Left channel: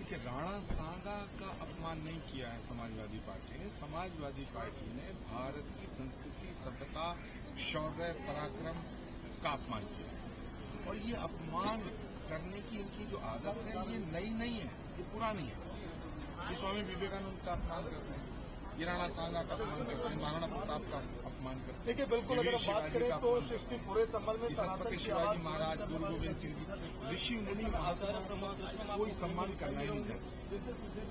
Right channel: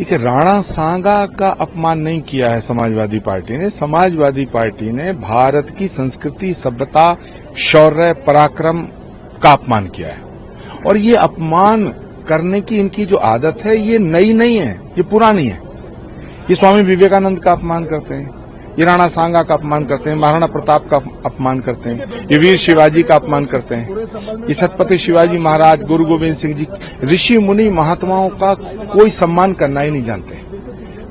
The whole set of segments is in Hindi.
देखिए, राणा सांगा का अपमान नहीं किया है समाजवादी पार्टी ने। समाजवादी पार्टी ने भारत की संस्कृति, सभ्यता, शौर्य, पराक्रम का अपमान किया है। और ये अपमान करने की इनकी जो आदत है, ये नई नहीं है, ये पुरानी है। ये स्वामी विवेकानंद का अपमान करते हैं, ये राणा सांगा का अपमान करते हैं, महाराणा प्रताप का अपमान करते हैं, ये वीर शिवाजी का अपमान करते हैं, ये छत्रपति शिवाजी महाराज, गुरु गोविंद सिंह जी, ऋषि मुनि महात्माओं का कोई सम्मान करना ही नहीं जानते।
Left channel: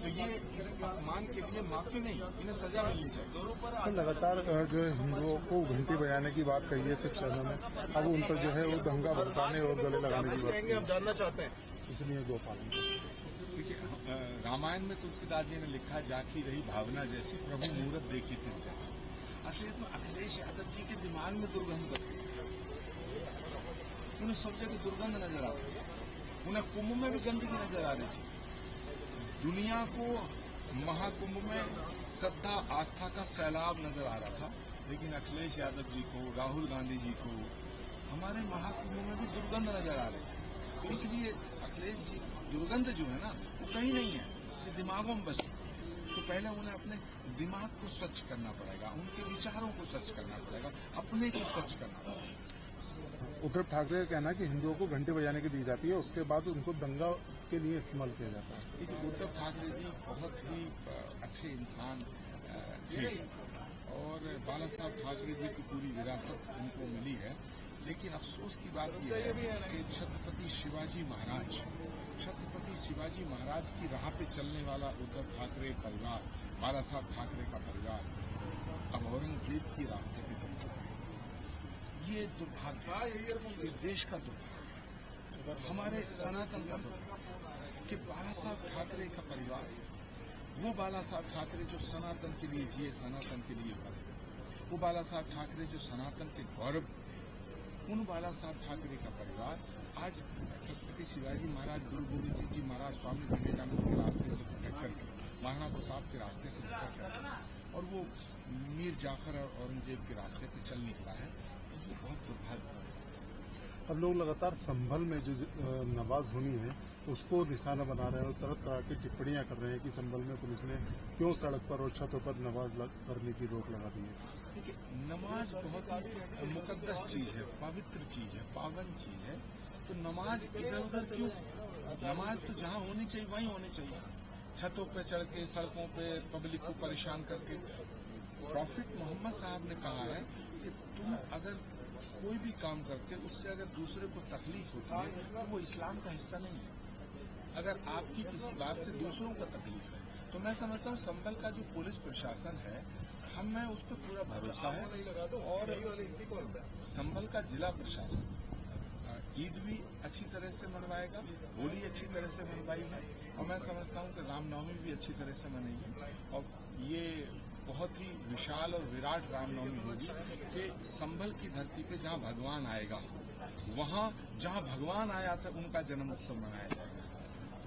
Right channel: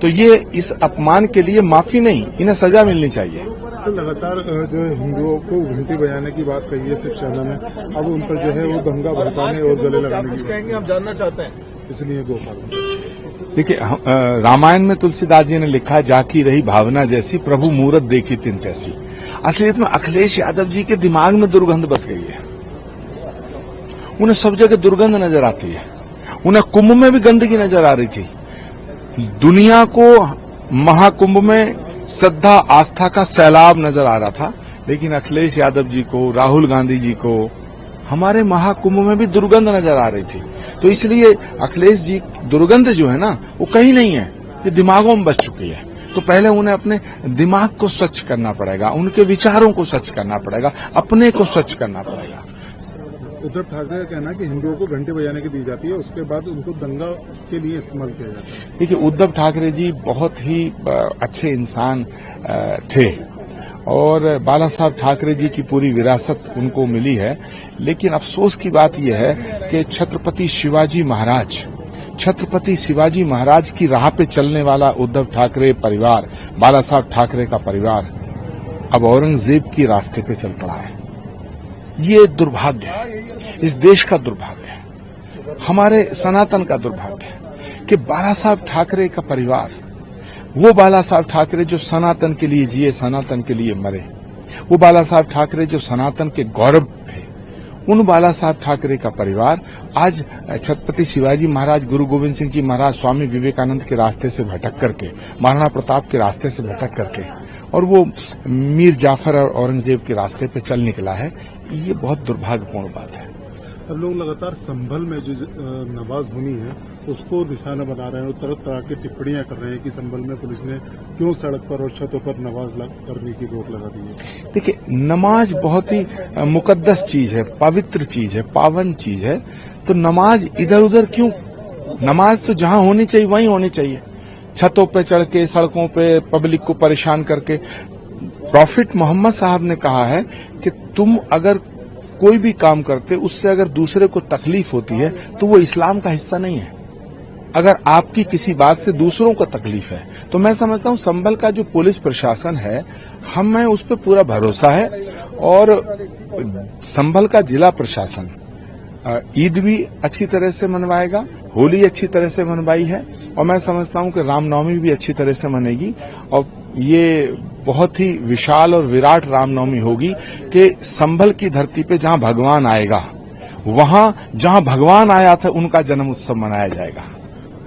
तो ये इस अपमान के लिए माफी नहीं, इन्हें सजा मिलनी चाहिए। तो लगातार जो है हिंदुओं को घंटी बजाने की बात कही है शिवसेना ने, अब उन पर जो है वो दंगा भड़काने और गले लगाने की कहेंगे, हम जानना चाहते हैं, इसलिए गोपाल। देखिए, रामायण में तुलसीदास जी ने लिखा, जाकी रही भावना जैसी, प्रभु मूरत देखी तिन तैसी। असलियत में अखिलेश यादव जी के दिमाग में दुर्गंध बस गई है। उन्हें सब जगह दुर्गंध नजर आती है। उन्हें कुंभ में भी गंदगी नजर आ रही थी। दुनिया को महाकुंभ में श्रद्धा आस्था का सैलाब नजर आ रहा था, लेकिन अखिलेश यादव जी को, राहुल गांधी जी को हमारे महाकुंभ में भी दुर्गंध नजर आ रही थी। तो इसलिए अखिलेश जी दुर्गंध जो है ना, वो कहीं नहीं है, ये दिमागों में बस चुकी है। तो पहले उन्हें अपने दिमाग को स्वच्छ करना पड़ेगा, उनके विचारों को स्वच्छ करना पड़ेगा, अपने को स्वच्छ करना पड़ेगा। उद्धव ठाकरे का कहना है कि हिंदुओं को घंटे बजाने की दी जाती है, उसके बाद उनको दंगा के लिए इस्तेमाल किया जाता है। देखिए, उद्धव ठाकरे जी बहुत ही अच्छे इंसान थे और बाला साहब ठाकरे जी की पूरी विरासत उनको मिली है। लेकिन अफसोस की बात यह है कि छत्रपति शिवाजी महाराज की राह पे चलने वाला उद्धव ठाकरे परिवार, बाला साहब ठाकरे का परिवार अब औरंगजेब की रास्ते पे चल पड़ा है। ये दुर्भाग्य है, इस देश का दुर्भाग्य है, हमारे सनातन का दुर्भाग्य है कि बाला साहब ठाकरे का परिवार, वो बाला साहब ठाकरे जो सनातन के लिए जिए, सनातन के लिए मरे, वो बाला साहब ठाकरे जो सनातन के गौरव थे, उन बाला साहब ठाकरे का परिवार आज छत्रपति शिवाजी महाराज, गुरु गोविंद सिंह जी महाराज, स्वामी विवेकानंद के रास्ते से भटक करके, महाराणा प्रताप के रास्ते से भटक करके और वो मीर जाफर और औरंगजेब के रास्ते पे चल निकला है। ये बहुत दुर्भाग्यपूर्ण बात है। अब लोग लगातार संभल में जो नमाज होनी है उसको निशाना बना रहे हैं और तरह तरह की टिप्पणियां कर रहे हैं कि संभल में पुलिस ने क्यों सड़क पर और छतों पर नमाज करने की रोक लगा दी है। देखिए, नमाज बहुत ही मुकद्दस चीज है, पवित्र चीज है, पावन चीज है। तो नमाज इधर उधर क्यों? नमाज तो जहां होनी चाहिए वहीं होनी चाहिए, छतों पे चढ़ के, सड़कों पे पब्लिक को परेशान करके। प्रॉफिट मोहम्मद साहब ने कहा है कि तुम अगर कोई भी काम करते, उससे अगर दूसरे को तकलीफ होती है तो वो इस्लाम का हिस्सा नहीं है। अगर आपकी किसी बात से दूसरों को तकलीफ है तो मैं समझता हूं संभल का जो पुलिस प्रशासन है, हमें उस पर पूरा भरोसा है। और संभल का जिला प्रशासन ईद भी अच्छी तरह से मनवाएगा, होली अच्छी तरह से मनवाई है, और मैं समझता हूं कि रामनवमी भी अच्छी तरह से मनेगी। और ये बहुत ही विशाल और विराट रामनवमी होगी कि संभल की धरती पे जहां भगवान आएगा, वहां जहां भगवान आया था उनका जन्म उत्सव मनाया जाएगा।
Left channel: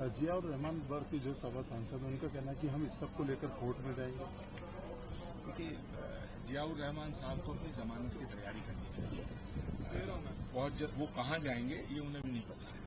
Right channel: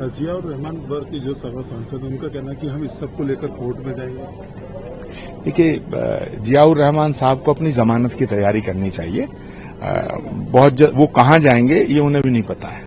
जियाउर रहमान वर्ग की जो सभा सांसद, उनका कहना है कि हम इस सब को लेकर कोर्ट में जाएंगे। देखिए, जियाउर रहमान साहब को अपनी जमानत की तैयारी करनी चाहिए। वो कहां जाएंगे ये उन्हें भी नहीं पता है।